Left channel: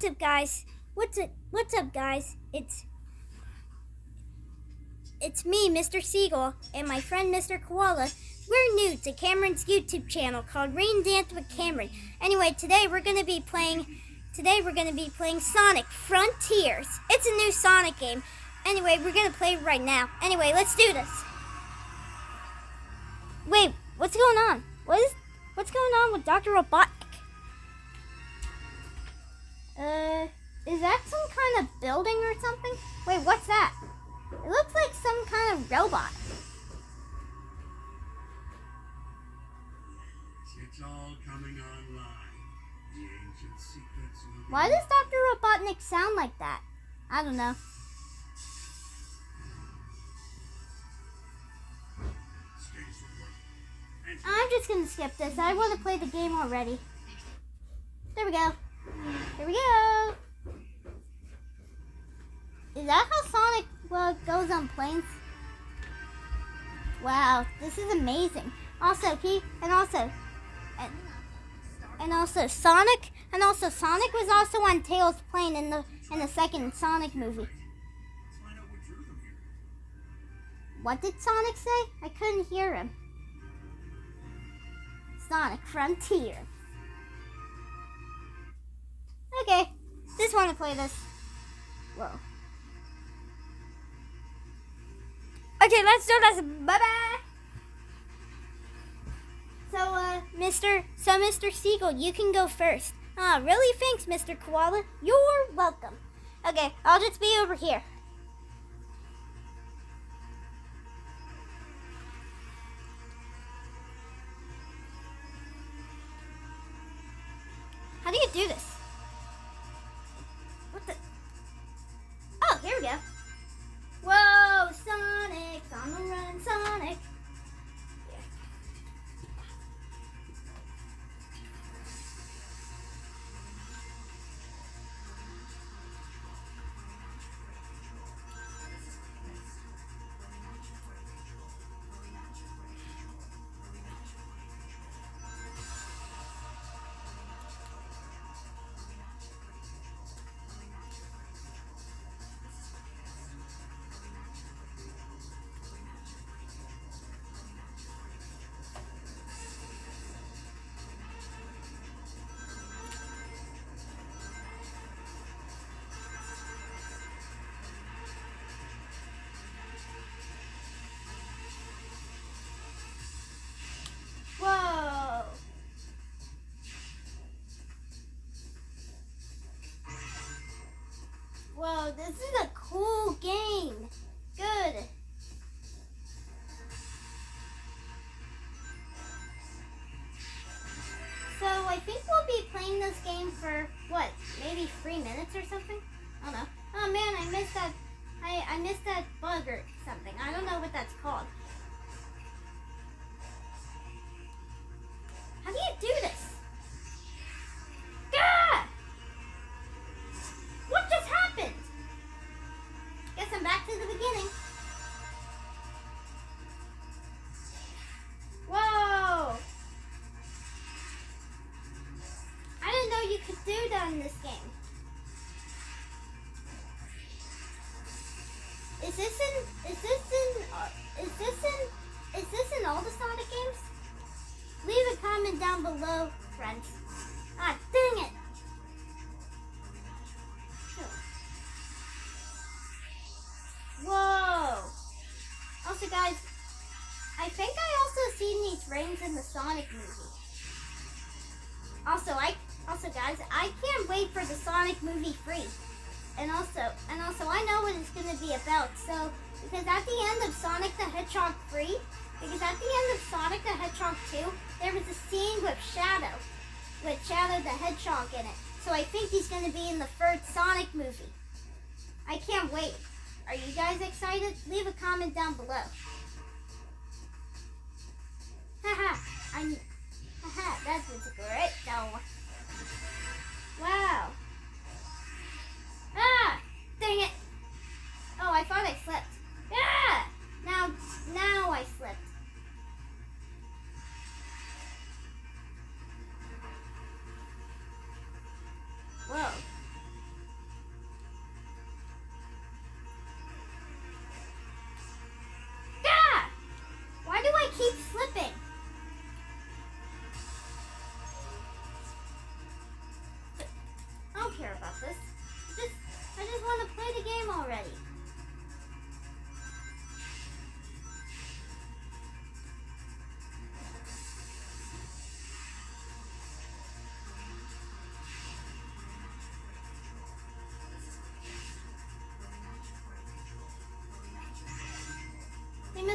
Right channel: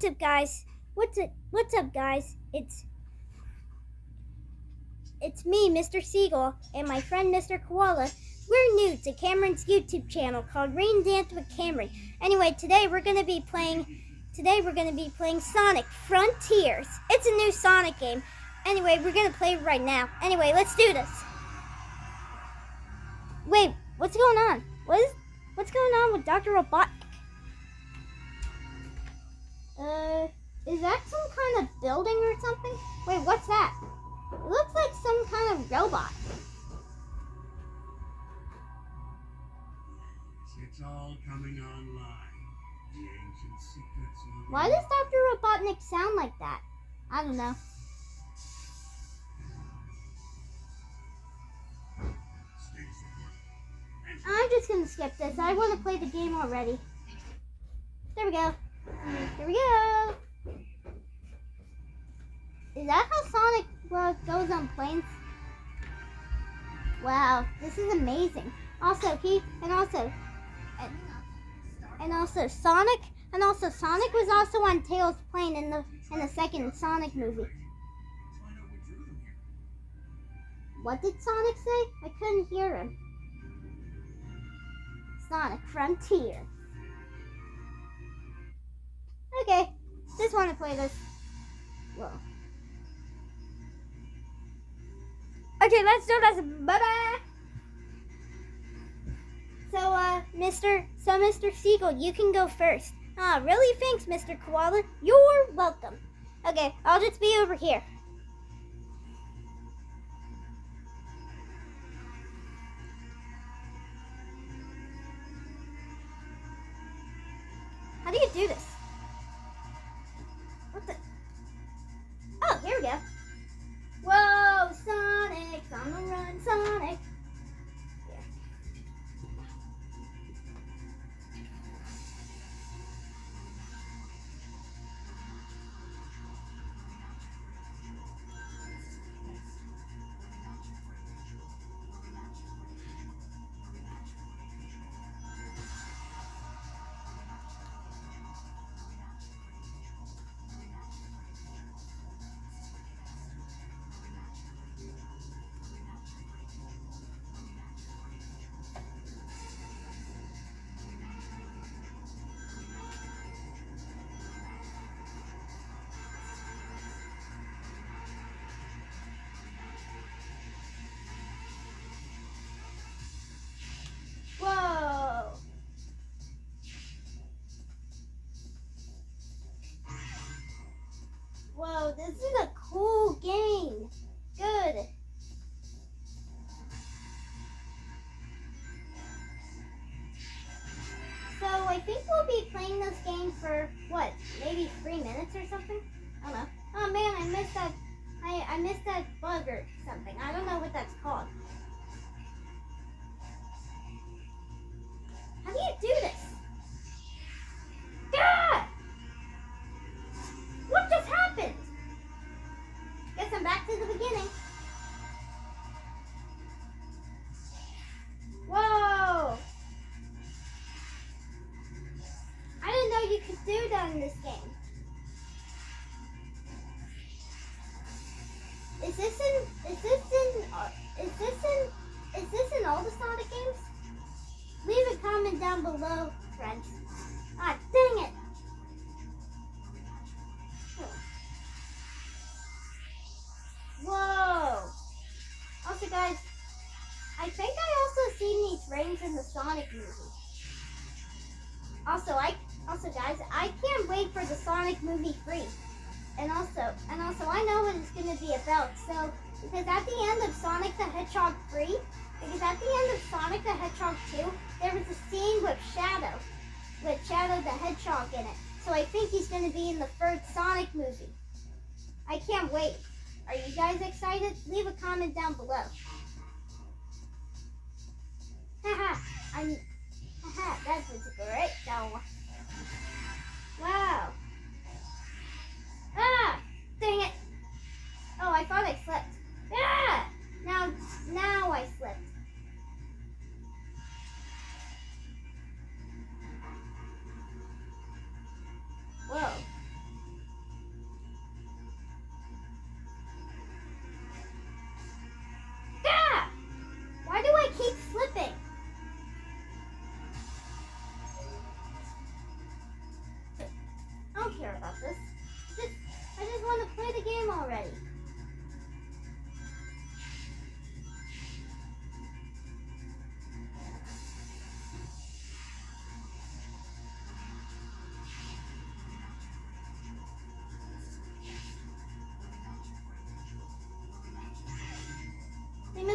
What's up, guys? What's up, guys? It's me, Mr. Seagull, and my friend Mr. Koala. We're new to Cameron's YouTube channel called Rain Dance with Cameron. Anyway, today we're gonna be playing Sonic Frontiers. It's a new Sonic game. Anyway, we're gonna play it right now. Anyway, let's do this. Wait, what's going on? What's going on with Dr. Robotnik? Is that some kind of building or something? Wait, what's that? It looks like some kind of robot. It's all coming online. The ancient secrets moving. Why does Dr. Robotnik sound like that? I don't know. I'm just gonna skip this. I want to play the game already. There we go. Here we go. Is that how Sonic goes on planes? Wow, this is amazing. Also, Sonic was also on Tails' plane in the second Sonic movie. What did Sonic say? I couldn't hear him. Sonic Frontier. Okay, just want to play this. Whoa. Okay, let's do this. Bye-bye. So, Mr. Seagull, you can go first. Really? Thanks, Mr. Koala. You're welcome. Okay, I'll just be over here. How do you do this? What the? Oh, here we go. Whoa, Sonic's on the run, Sonic. Whoa. Whoa, this is a cool game. Good. So I think we'll be playing this game for what? Maybe 3 minutes or something? I don't know. Oh man, I missed that. I missed that bug or something. I don't know what that's called. How do you do this? Ah! What just happened? Guess I'm back to the beginning. Whoa! I didn't know you could do that in this game. Is this in all the Sonic games? Leave a comment down below, friends. Ah, dang it! Whoa! Also, guys, I think I also seen these frames in the Sonic movie. Also, guys, I can't wait for the Sonic movie 3. And also, I know what it's gonna be about. So, because at the end of Sonic the Hedgehog 3, because at the end of Sonic the Hedgehog 2, there was a scene with Shadow the Hedgehog in it. So I think he's gonna be in the third Sonic movie. I can't wait. Are you guys excited? Leave a comment down below. Haha, that was great though. Wow. Ah! Dang it! Oh, I thought I slipped. Ah! Now I slipped. Whoa.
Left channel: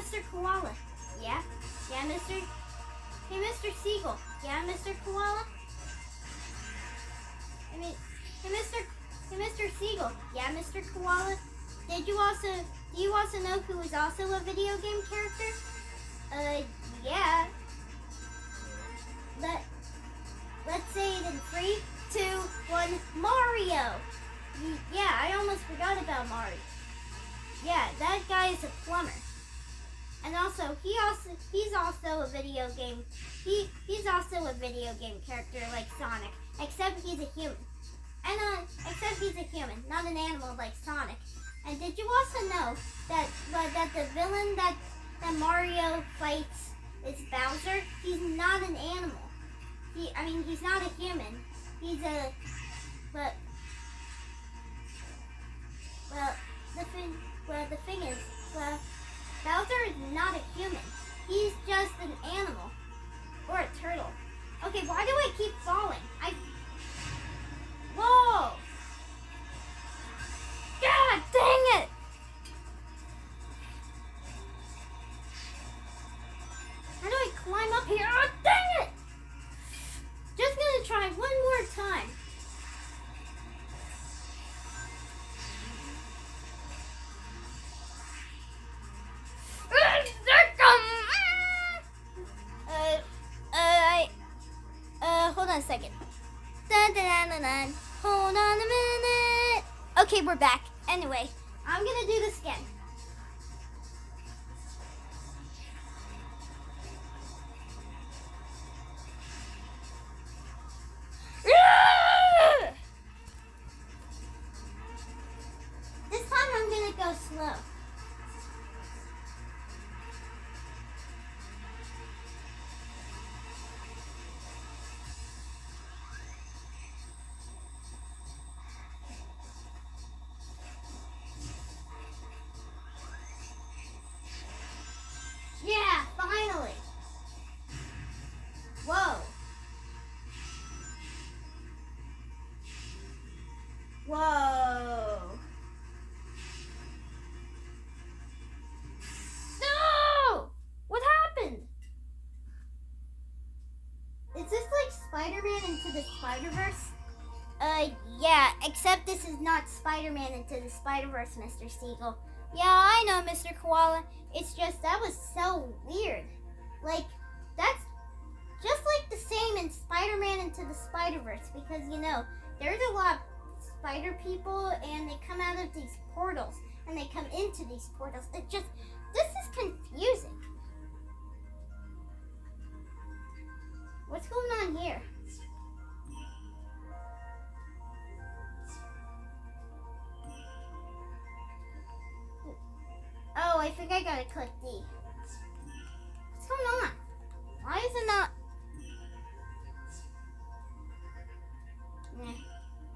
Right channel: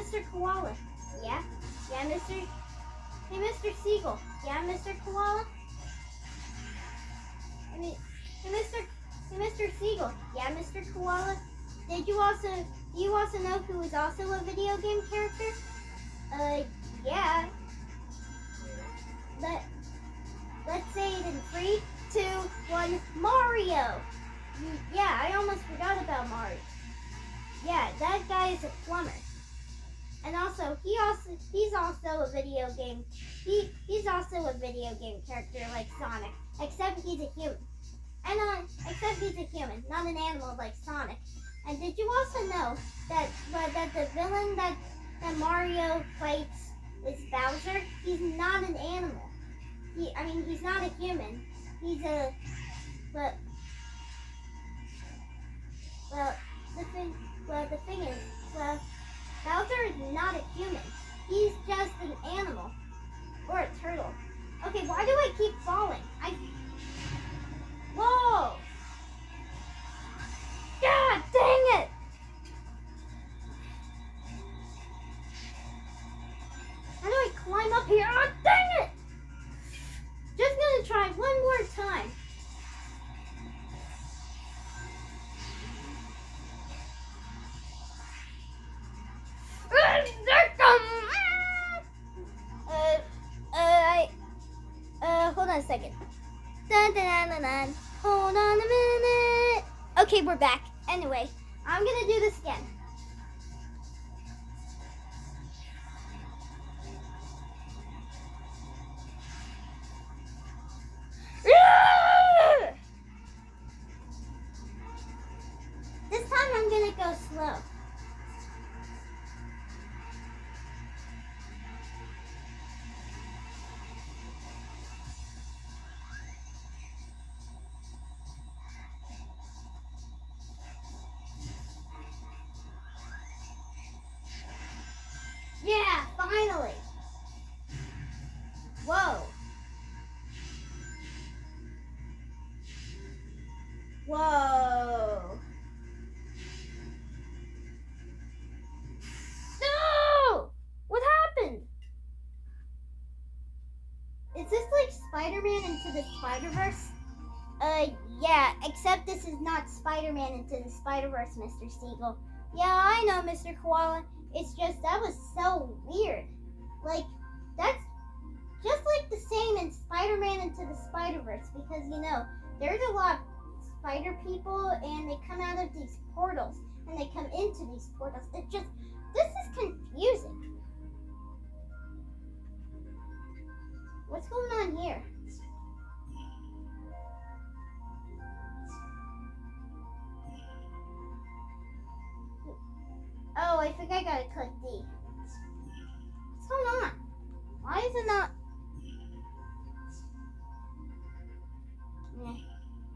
Mr. Koala. Yeah? Yeah, Mr. Hey, Mr. Seagull. Yeah, Mr. Koala? I mean, hey, Mr. Seagull. Yeah, Mr. Koala? Do you also know who is also a video game character? Yeah. Let's say it in 3, 2, 1, Mario! Yeah, I almost forgot about Mario. Yeah, that guy is a plumber. And also, he's also a video game. He's also a video game character like Sonic, except he's a human. And except he's a human, not an animal like Sonic. And did you also know that the villain that Mario fights is Bowser? He's not an animal. He's not a human. He's a the thing is, Bowser is not a human. He's just an animal. Or a turtle. Okay, why do I keep falling? Whoa! God dang it! How do I climb up here? Oh, dang it! Just gonna try one more time. Hold on a second. Dun, dun, dun, dun. Hold on a minute. Okay, we're back. Anyway, I'm gonna do this again. This time I'm gonna go slow. Yeah, finally. Whoa. Whoa. No! What happened? Is this like Spider-Man into the Spider-Verse? Yeah, except this is not Spider-Man into the Spider-Verse, Mr. Seagull. Yeah, I know, Mr. Koala. It's just, that was so weird. Like, that's just like the same in Spider-Man into the Spider-Verse, because, you know, there's a lot of spider people, and they come out of these portals, and they come into these portals. It just, this is confusing. What's going on here? Oh, I think I gotta click D. What's going on? Why is it not? Nah,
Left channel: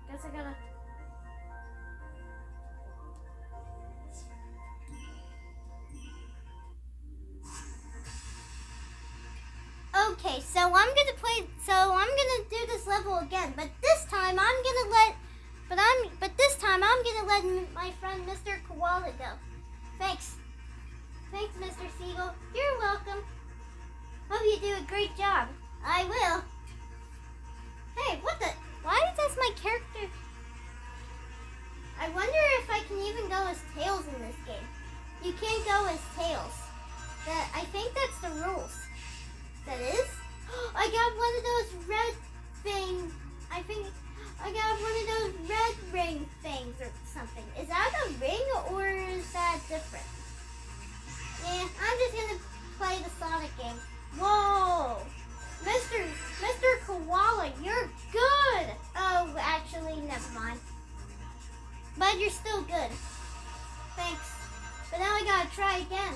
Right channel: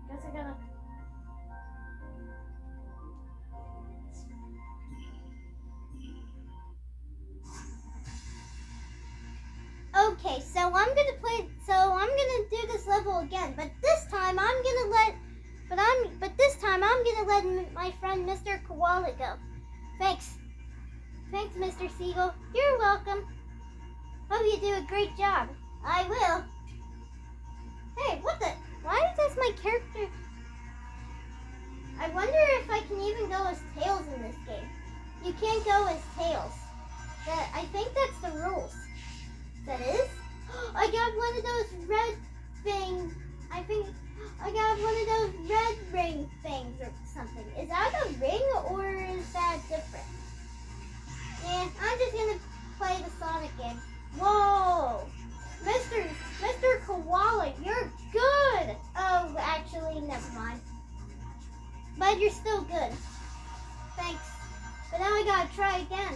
guess I gotta. Okay, so I'm gonna do this level again, but this time I'm gonna let my friend Mr. Koala go. Thanks, Mr. Seagull. You're welcome. Hope you do a great job. I will. Hey, what the? Why does my character? I wonder if I can even go as Tails in this game. You can't go as Tails. I think that's the rules. That is? I got one of those red things. I think I got one of those red ring things or something. Is that a ring or is that different? Yeah, I'm just gonna play the Sonic game. Whoa! Mr. Koala, you're good! Oh, actually, never mind. But you're still good. Thanks. But now I gotta try again.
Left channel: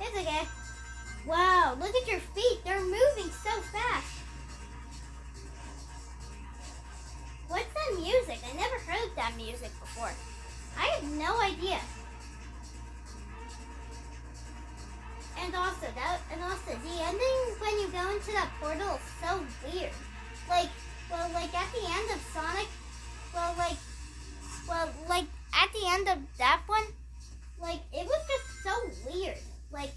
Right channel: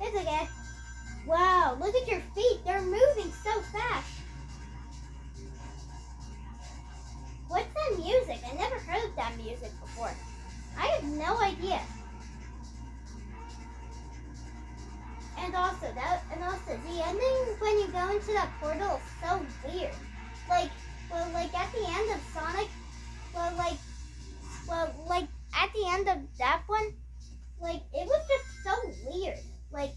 It's okay. Wow, look at your feet. They're moving so fast. What's that music? I never heard that music before. I have no idea. And also the ending when you go into that portal is so weird. Like at the end of Sonic, at the end of that one, like it was just so weird. Like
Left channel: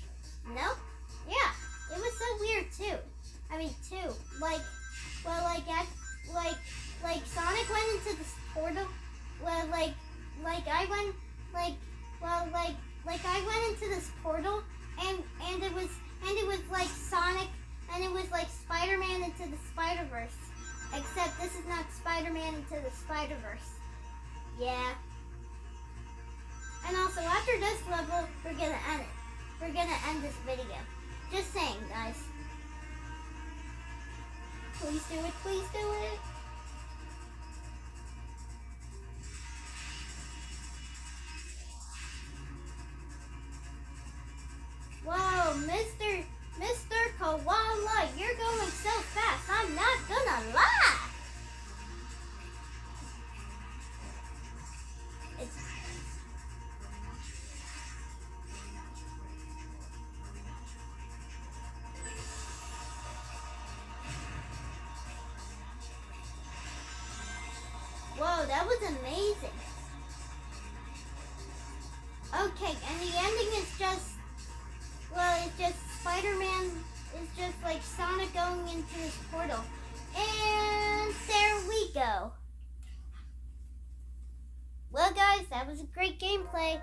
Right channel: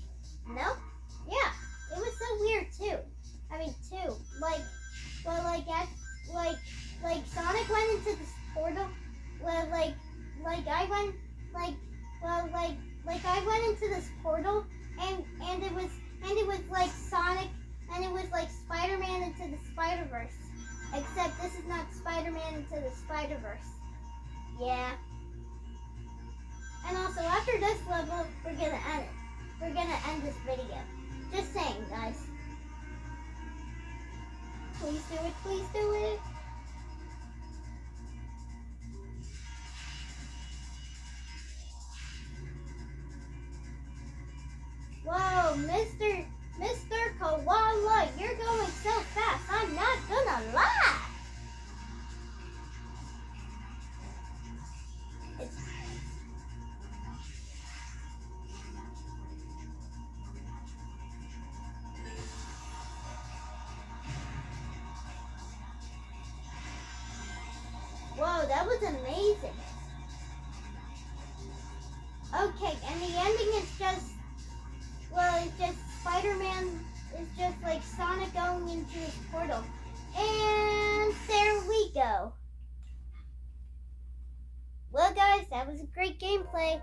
Sonic went into this portal. Well, I went I went into this portal, and it was like Sonic, and it was like Spider-Man into the Spider-Verse. Except this is not Spider-Man into the Spider-Verse. Yeah. And also, after this level, we're gonna end it. We're gonna end this video. Just saying, guys. Please do it. Please do it. Whoa, Mr. Koala, you're going so fast. I'm not gonna lie. It's Whoa, that was amazing. Okay, and the ending is just, well, it's just Spider-Man is just like Sonic going into his portal. And there we go. Well, guys, that was a great gameplay.